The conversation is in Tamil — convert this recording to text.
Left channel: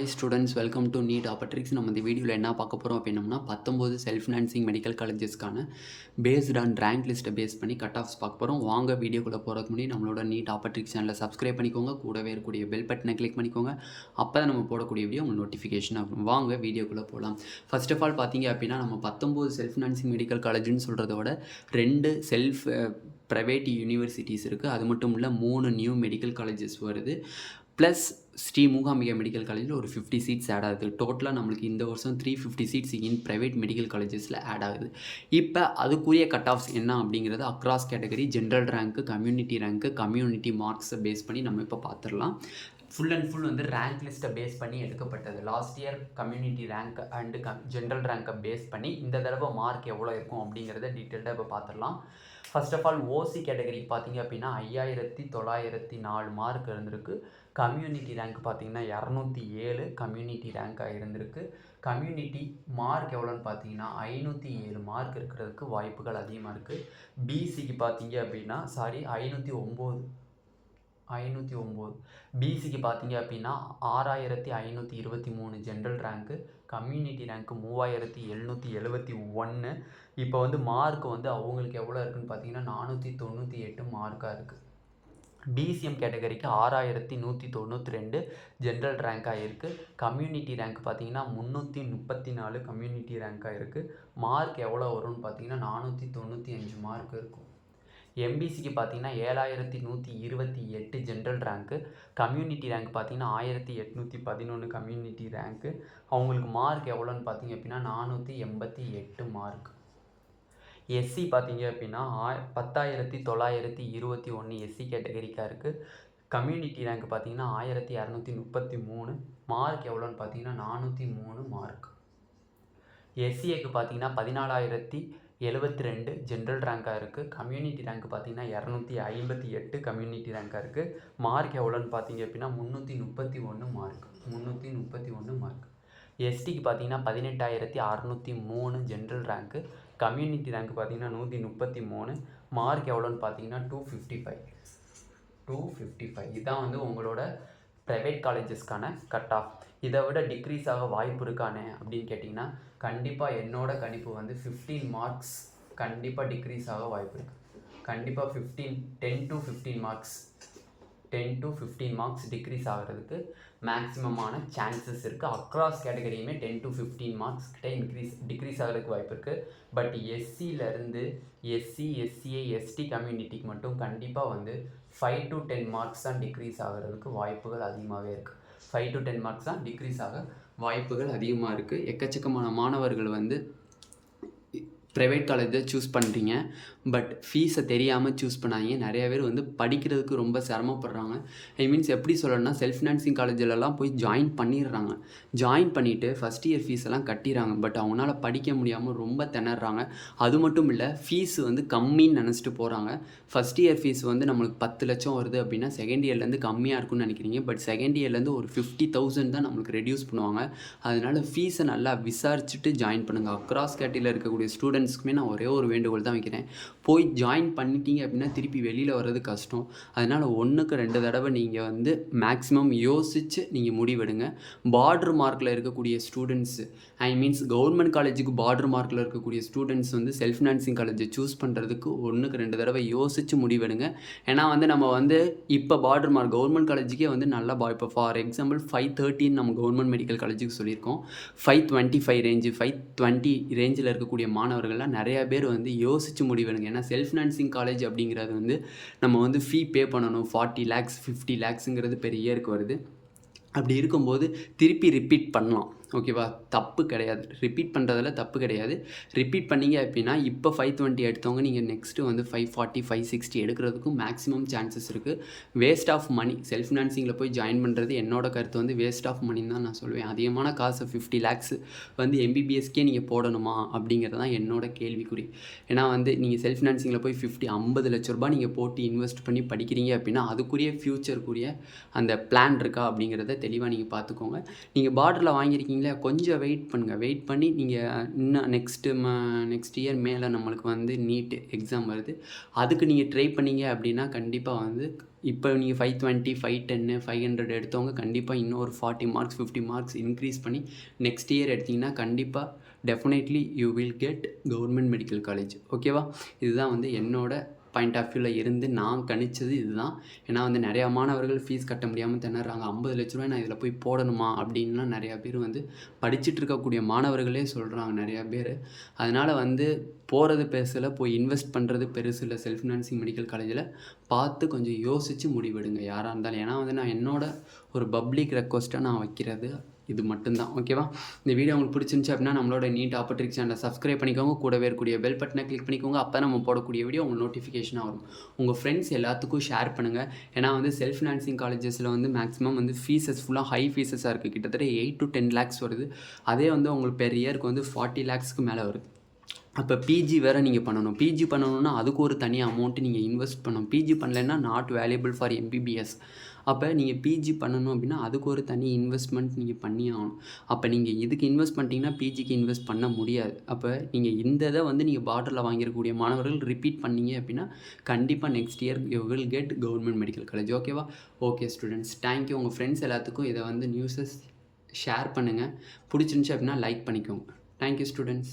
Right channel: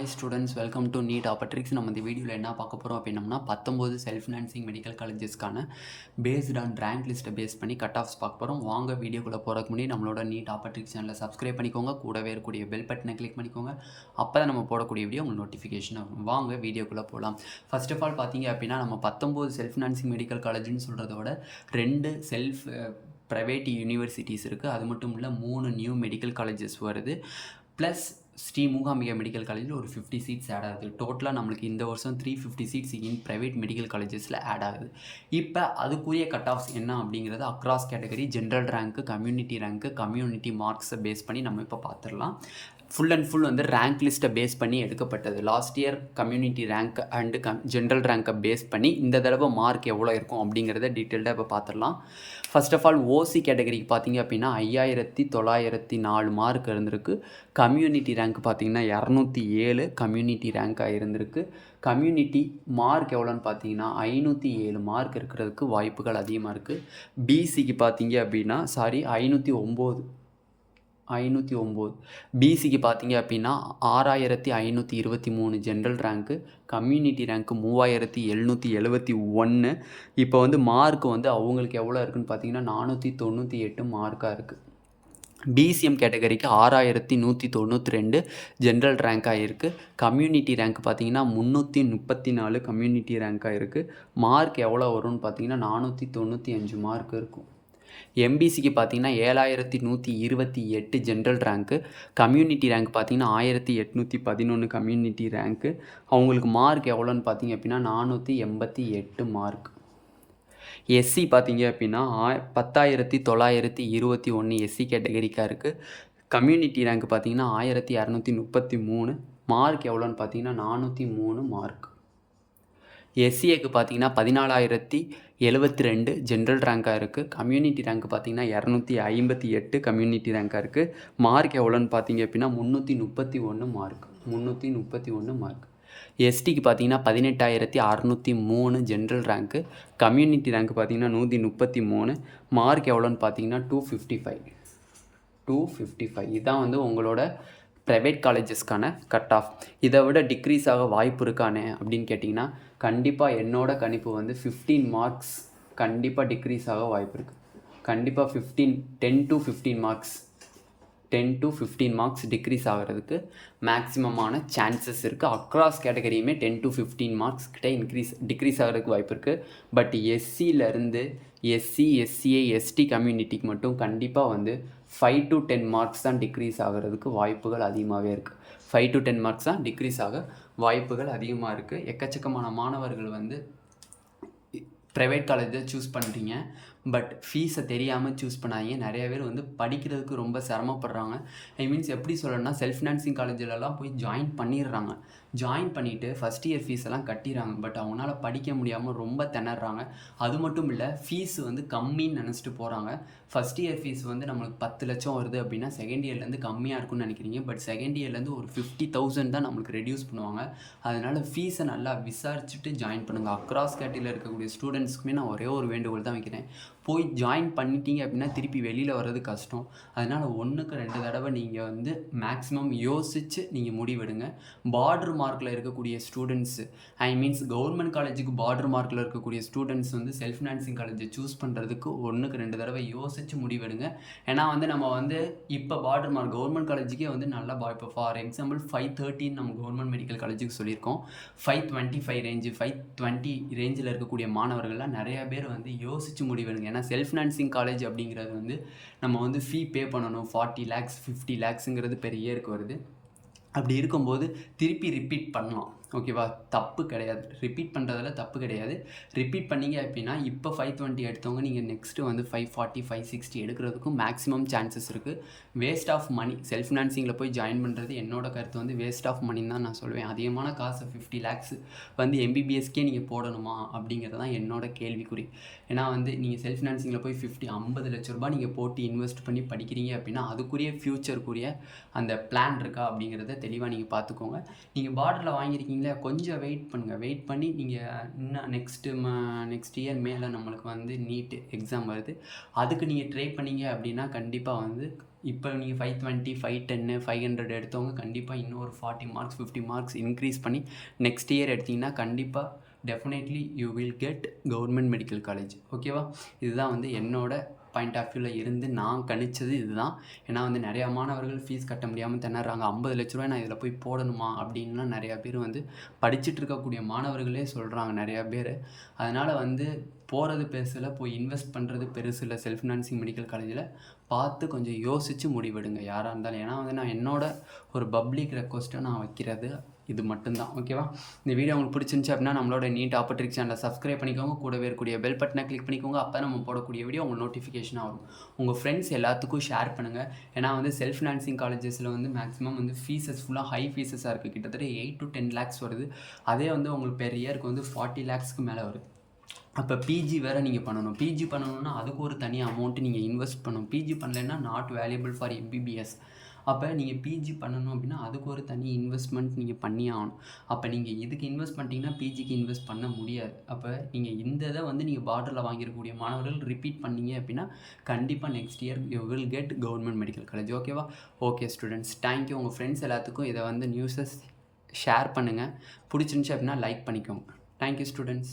Hi students, welcome to Neet Opportunity. நம்ம இந்த வீடியோவில் என்ன பார்க்க போகிறோம் அப்படின்னம்னா 19 செல்ஃப் ஃபினான்சிங் மெடிக்கல் காலேஜஸ்க்கான பேஸ்ட் ஆன் ரேங்க் லிஸ்ட்டை பேஸ் பண்ணி கட் ஆஃப்ஸ் பார்க்க போகிறோம். வாங்க வீடியோக்குள்ளே போகிறதுக்கு முன்னாடி நம்மளோட நீட் ஆப்பர்ச்சுனிட்டி சேனலை சப்ஸ்கிரைப் பண்ணிக்கோங்க, கூடவே இருக்கக்கூடிய பெல் பட்டனை கிளிக் பண்ணிக்கோங்க. அப்போ தான் நம்ம போடக்கூடிய வீடியோ உங்களுக்கு நோட்டிஃபிகேஷன் ஆகும். வாங்க வீடியோக்குள்ளே போகலாம். ஃபர்ஸ்ட் ஆஃப் ஆல் பார்த்தீங்க அப்படின்னா நம்ம 19 செல்ஃப் ஃபினான்சிங் மெடிக்கல் காலேஜ்னு சொல்கிறத விட 2 செல்ஃப் ப்ரைவேட் யூனிவர்சிட்டிஸ் இருக்குது. அது மட்டும் இல்லை 3 நியூ மெடிக்கல் காலேஜஸ் வருது. ப்ளஸ் ஸ்ரீ மூகாம்பிகா மெடிக்கல் காலேஜில் ஒரு 50 சீட்ஸ் ஆட் ஆகுது. டோட்டலாக நம்மளுக்கு இந்த வருஷம் 350 சீட்ஸ் இன் ப்ரைவேட் மெடிக்கல் காலேஜஸில் ஆட் ஆகுது. இப்போ அதுக்குரிய கட் ஆஃப்ஸ் என்ன அப்படிங்கிறது அக்ராஸ் கேட்டகரி, ஜென்ரல் ரேங்க்கு, கம்யூனிட்டி மார்க்ஸை பேஸ் பண்ணி நம்ம இப்போ பார்த்துடலாம். ஃபுல் அண்ட் ஃபுல் வந்து ரேங்க் லிஸ்ட்டை பேஸ் பண்ணி எடுக்கப்பட்டது. Last year community rank and general ரேங்க்கை பேஸ் பண்ணி இந்த தடவை மார்க் எவ்வளோ இருக்கும் அப்படிங்கிறத டீட்டெயில்டாக இப்போ பார்த்துடலாம். ஃபர்ஸ்ட் ஆஃப் ஆல் ஓசி கேட்டகரிக்கு பார்த்தீங்க அப்படின்னா 5904 மார்க் இருந்திருக்கு. கம்யூனிட்டி ரேங்க் பார்த்தீங்கன்னா 207 கம்யூனிட்டி ரேங்காக இருந்திருக்கு. கம்யூனிட்டி மார்க் எவ்வளோன்னு பார்த்தீங்கன்னா 507 மார்க் இருக்கிறதுக்கு வாய்ப்புகள் அதிகமாக இருக்குது. பிசிக்கு பார்த்தீங்க அப்படின்னா 509. பிசிக்கு பார்த்தீங்க அப்படின்னா 6523 ஜென்ரல் ரேங்க்கு, கம்யூனிட்டி ரேங்க்கு 3771. இப்போ வந்து மார்க் வந்து அவங்களுக்கு எவ்வளோ இருக்குதுன்னு பார்த்தீங்கன்னா 498 மார்க்காக இருக்குது. பிசிஎம் கேட்டகரிக்கு 6192 ஜென்ரல் ரேங்காக இருக்குது. கம்யூனிட்டி ரேங்க் பார்த்தீங்கன்னா 334 கம்யூனிட்டி ரேங்காக இருக்குது. மார்க் எவ்வளோ வரும்னு பார்த்தீங்கன்னா 495 மார்க் இருக்கும். எம்பிசிக்கு பார்த்தீங்கன்னா 7128 ஜென்ரல் ரேங்க்கு, கம்யூனிட்டி ரேங்க் பார்த்தீங்கன்னா 1811 கம்யூனிட்டி ரேங்க்கு. அவங்களுக்கு மார்க் எவ்வளோன்னு பார்த்தீங்க அப்படின்னா 488 மார்க். எஸ்சி பார்த்தீங்க அப்படின்னா 10921 எஸ்சி கேட்டகரிக்காக இருக்குது. கம்யூனிட்டி ரேங்க் பார்த்தீங்கன்னா 1233. மார்க் எவ்வளோன்னு பார்த்தீங்கன்னா 403 மார்க். எஸ்சிஏக்கு பார்த்தீங்கன்னா 14072 ஜென்ரல் ரேங்காக இருக்குது. கம்யூனிட்டி ரேங்க் பார்த்தீங்கன்னா 258 கம்யூனிட்டி ரேங்காக இருக்குது. மார்க் எவ்வளோன்னு பார்த்தீங்க அப்படின்னா 331 மார்க். எஸ்டிக்கு பார்த்தீங்கன்னா 18603 ஜென்ரல் ரேங்க்கு, கம்யூனிட்டி ரேங்க் பார்த்தீங்கன்னா 133. மார்க் எவ்வளோன்னு பார்த்தீங்கன்னா 255. இதுதான் வந்து உங்களோட ப்ரைவேட் காலேஜஸ்க்கான கட் ஆஃப். இதை விட டிக்ரீஸ் ஆக வாய்ப்பு இருக்கானே அப்படின்னு கேட்டிங்கன்னா கண்டிப்பாக என்னோட கணிப்பு வந்து 15 மார்க்ஸ் கண்டிப்பாக டிக்ரீஸ் ஆக வாய்ப்பு இருக்குது. கண்டிப்பாக 10 to 15 மார்க்ஸ் டிக்ரீஸ் ஆகிறதுக்கு மேக்ஸிமமான சான்சஸ் இருக்குது. அக்ராஸ் கேட்டகரியுமே 10 to 15 மார்க்ஸ் கிட்ட டிக்ரீஸ் ஆகிறதுக்கு வாய்ப்பு இருக்குது. பட் எஸ்சியிலேருந்து எஸ்சிஏ எஸ்டி கம்யூனிட்டிக்கு மட்டும் கண்டிப்பாக வந்து 5 to 10 மார்க்ஸ் தான் டிக்ரீஸ் ஆகிறதுக்கு வாய்ப்புகள் அதிகமாகவே இருக்குது. 5 to 10 மார்க்ஸ் தான் டிக்ரீஸ் ஆக வாய்ப்புகள் அதிகமாக இருக்குது. எக்கச்சக்கமான மாணவர்கள் வந்து ப்ரைவேட் காலேஜை சூஸ் பண்ணுறீங்க, பட் ஃபீஸை தெரியாமல் சூஸ் பண்ணாங்க. நிறைய பேர் வந்து படிக்கிறதுக்கு ரொம்ப சிரமப்படுறாங்க. எப்படி சொல்லணும்னா செல்ஃப் ஃபினான்சிங் காலேஜிலலாம் போய் ஜாயின் பண்ணிடுறாங்க. ஜாயின் பண்ணிவிட்டு ஃபஸ்ட் இயர் ஃபீஸ் எல்லாம் கட்டிடுறாங்க. பட் அவங்களால படிக்க முடியாமல் ரொம்ப திணறாங்க. அது மட்டும் இல்லை, ஃபீஸ் வந்து கம்மின்னு நினச்சிட்டு போகிறாங்க. ஃபஸ்ட் இயர் ஃபீஸ் வந்து நம்மளுக்கு 10 லட்சம் வருது அப்படின்னா செகண்ட் இயர்லேருந்து கம்மியாக இருக்குன்னு நினைக்கிறீங்க. பட் செகண்ட் இயர்லேருந்து ஒரு 50,000 தான் நம்மளுக்கு ரெடியூஸ் பண்ணுவாங்க. அதனால் ஃபீஸை நல்லா விசாரிச்சுட்டு ஜாயின் பண்ணுங்கள். அக்ராஸ் கேட்டகரியில் இருக்கக்கூடிய ஸ்டூடெண்ட்ஸ்க்குமே நான் ஒரே ஒரு வேண்டுகோள் தான் வைக்கிறேன். போய் ஜாயின் பண்ணிட்டீங்க அப்படின்னா திருப்பி வெளியில் வர்றது கஷ்டம். அதனால் 1க்கு 2 தடவை நீங்கள் வந்து மேக்ஸிமம் யோசித்து நீங்கள் முடிவெடுங்க. பார்டர் மார்க்கில் இருக்கக்கூடிய ஸ்டூடெண்ட்ஸு கவர்மெண்ட் காலேஜுக்கு பார்டர் மார்க்கில் இருக்கக்கூடிய ஸ்டூடெண்ட்ஸ் வந்து செல்ஃப் ஃபினான்சிங் காலேஜை சூஸ் பண்ணுறதுக்கு 1க்கு 2 தடவை யோசித்து முடிவெடுங்க. ஏன்னா வந்து நம்ம வந்து இப்போ பார்டர் மார்க் கவர்மெண்ட் காலேஜுக்கே வந்து நல்லா இப்போ ஃபார் எக்ஸாம்பிள் 513 நம்ம கவர்மெண்ட் மெடிக்கல் காலேஜுக்கு சொல்லியிருக்கோம். 525 ரேஞ்சு 520 ரேஞ்சில் இருக்கக்கூடிய மாணவர்கள்லாம் நிறையா பேர் வந்து யோசித்து முடிவெடுங்க. ஏன்னா செல்ஃப் ஃபினான்சிங் காலேஜ் அப்படிங்கிறது வந்து நம்ம வந்து ஃபீ பே பண்ணணும். 40 lakhs 50 lakhsங்கிறது பெரிய இயருக்கு வருது. அப்படி இருக்கும்போது திருப்பி ரிப்பீட் பண்ணலாம். ஓகேவா? தப்பு கிடையாது, ரிப்பீட் பண்ணுறதுல தப்பு கிடையாது. ரிப்பீட் பண்ணிங்க அப்படின்னா இப்போ 520 எடுத்தவங்க நீங்கள் நெக்ஸ்ட்டு வந்து 540 560 எடுக்கிறதுக்கும் மேக்ஸிமம் சான்சஸ் இருக்குது. Waste of money. செல்ஃப் ஃபினான்சிங்கில் போய் ஜாயின் பண்ணுறது என்னோட கருத்து வந்து வேஸ்ட் ஆஃப் மணின்னு தான் நான் சொல்லுவேன். அதிகமான காசு 50 lakhs வந்து எம்பிபிஎஸ்க்கே நீங்கள் போடணுமா அப்படிங்கிறது தான் என்னோட கேள்விக்குறி. ஏன்னா வந்து நீங்கள் செல்ஃப் ஃபினான்சிங்கில் போய் 50 லட்ச ரூபாய் நீங்கள் போட்டு இன்வெஸ்ட் பண்ணி படிக்கிறீங்க அப்படின்னா அதுக்குரிய ஃப்யூச்சருக்குரிய அந்த பிளான் இருக்கா அப்படிங்கிறத தெளிவாக நீங்கள் பார்த்துக்கோங்க. நீங்கள் பார்டரில் வாங்கியிருக்கீங்க கொஞ்சம் வெயிட் பண்ணுங்கள். வெயிட் பண்ணி நீங்கள் இன்னும் நெக்ஸ்ட் இயர் மேலே நம்மளுக்கு வந்து நீட் எக்ஸாம் வருது. அதுக்கு நீங்கள் ட்ரை பண்ணீங்க அப்படின்னா கண்டிப்பாக வந்து இப்போ நீங்கள் 520 510 500 எடுத்தவங்க கண்டிப்பாக இன்னும் ஒரு 40 மார்க்ஸ் 50 மார்க்ஸ் இன்க்ரீஸ் பண்ணி நெக்ஸ்ட் இயர் எடுத்திங்கன்னா கண்டிப்பாக definitely you will get government medical college. ஓகேவா? இதுதான் வந்து என்னோட பாயிண்ட் ஆஃப் வியூவில் இருந்து நான் கணிச்சது இதுதான். ஏன்னா வந்து நிறையா மாணவர்கள் ஃபீஸ் கட்ட முடியாமல் திணறாங்க. 50 லட்ச ரூபாய் நான் இதில் போய் போடணுமா அப்படின்லாம் நிறையா பேர் வந்து படிச்சுட்டு இருக்கக்கூடிய மாணவர்களே சொல்கிறாங்க நிறையா பேர். அதனால் வந்து போகிறது பெருசில் போய் இன்வெஸ்ட் பண்ணுறது பெருசு இல்லை. செல்ஃப் ஃபினான்சிங் மெடிக்கல் காலேஜில் பார்த்து கொஞ்சம் யோசித்து முடிவெடுங்க யாராக இருந்தாலும். ஏன்னா வந்து நான் என்னோட ஒரு பப்ளிக் ரெக்வஸ்ட்டாக நான் வைக்கிறது இது மட்டும்தான். ஓகேவா? இந்த வீடியோ உங்களுக்கு பிடிச்சிருந்துச்சு அப்படின்னா நம்மளோட நீட் ஆப்பர்ட்ரிக் சேனலை சப்ஸ்கிரைப் பண்ணிக்கோங்க. கூடவே இருக்கக்கூடிய பெல் பட்டனை கிளிக் பண்ணிக்கோங்க. அப்போ நம்ம போடக்கூடிய வீடியோ உங்களுக்கு நோட்டிஃபிகேஷனாக வரும். உங்கள் ஃப்ரெண்ட்ஸ் எல்லாத்துக்கும் ஷேர் பண்ணுங்கள். ஏன்னா வந்து செல்ஃப் ஃபினான்சிங் காலேஜஸில் வந்து மேக்ஸிமம் வந்து ஃபீஸஸ் ஃபுல்லாக ஹை ஃபீஸஸாக இருக்குது. கிட்டத்தட்ட 8 to 10 lakhs வருது. அதே வந்து உங்களுக்கு பெர் இயருக்கு வந்து 40 lakhsக்கு மேலே வருது. அப்போ பிஜி வேறு நீங்கள் பண்ணணும். பிஜி பண்ணணுன்னா அதுக்கு ஒரு தனி அமௌண்ட்டு நீங்கள் இன்வெஸ்ட் பண்ணணும். பிஜி பண்ணலைன்னா நாட் வேல்யூபிள் ஃபார் எம்பிபிஎஸ். அப்போ நீங்கள் பிஜி பண்ணணும் அப்படின்னா அதுக்கு ஒரு தனி இன்வெஸ்ட்மெண்ட் நீங்கள் பண்ணி ஆகணும். அப்போ நீங்கள் இதுக்கு இன்வெஸ்ட் பண்ணிட்டீங்கன்னா பிஜிக்கு இன்வெஸ்ட் பண்ண முடியாது. அப்போ நீங்கள் இந்த இதை வந்து நீங்கள் பார்டரில் வாங்கியிருக்கக்கூடிய மாணவர்கள் ரிப்பீட் பண்ணீங்க அப்படின்னா கண்டிப்பாக next year you will get government medical college. ஓகேவா? Okay students, thank you. உங்கள் ஃப்ரெண்ட்ஸ் எல்லாத்துக்கும் இதை வந்து நியூஸஸ் ஷேர் பண்ணுங்கள். பிடிச்சிருந்துச்சி அப்படின்னா லைக் பண்ணிக்கோங்க. Thank you students.